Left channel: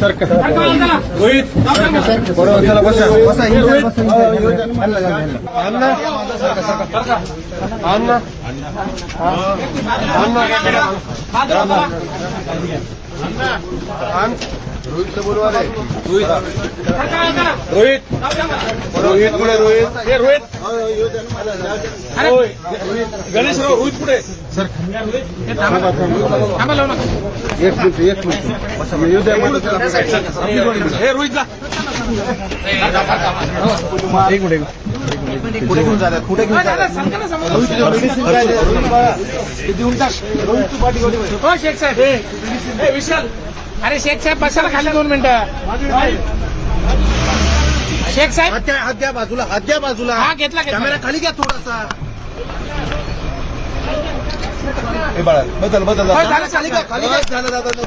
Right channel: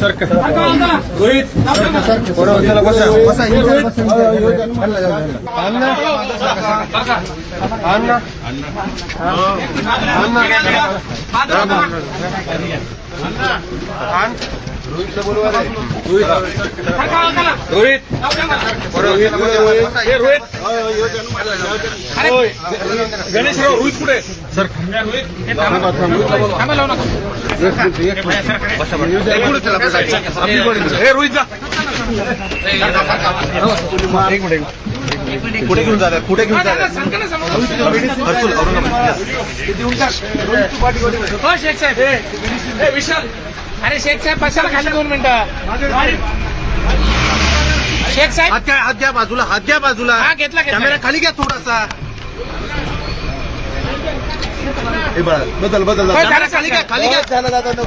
सरकार रोहित बोलवार रोहित रोहित रोहित पुढे रोहित रोहित गणेश रोहित पुढे सर रोहित एक मिनिट. कुठे घेऊन कुठे घेऊन हो शेख साहेब. विशाल. अरे शेख साहेब बसायला खाली दोन मिनिटं. शेख साहेब. हात द्या हात द्या बाजूला हात द्या बाजूला. हा घेतला कॅमेरा खाली घ्या थोडासा. हे बघा, बदल बदल. हो, खाली घ्या खाली घ्या. झालं दादा झालं.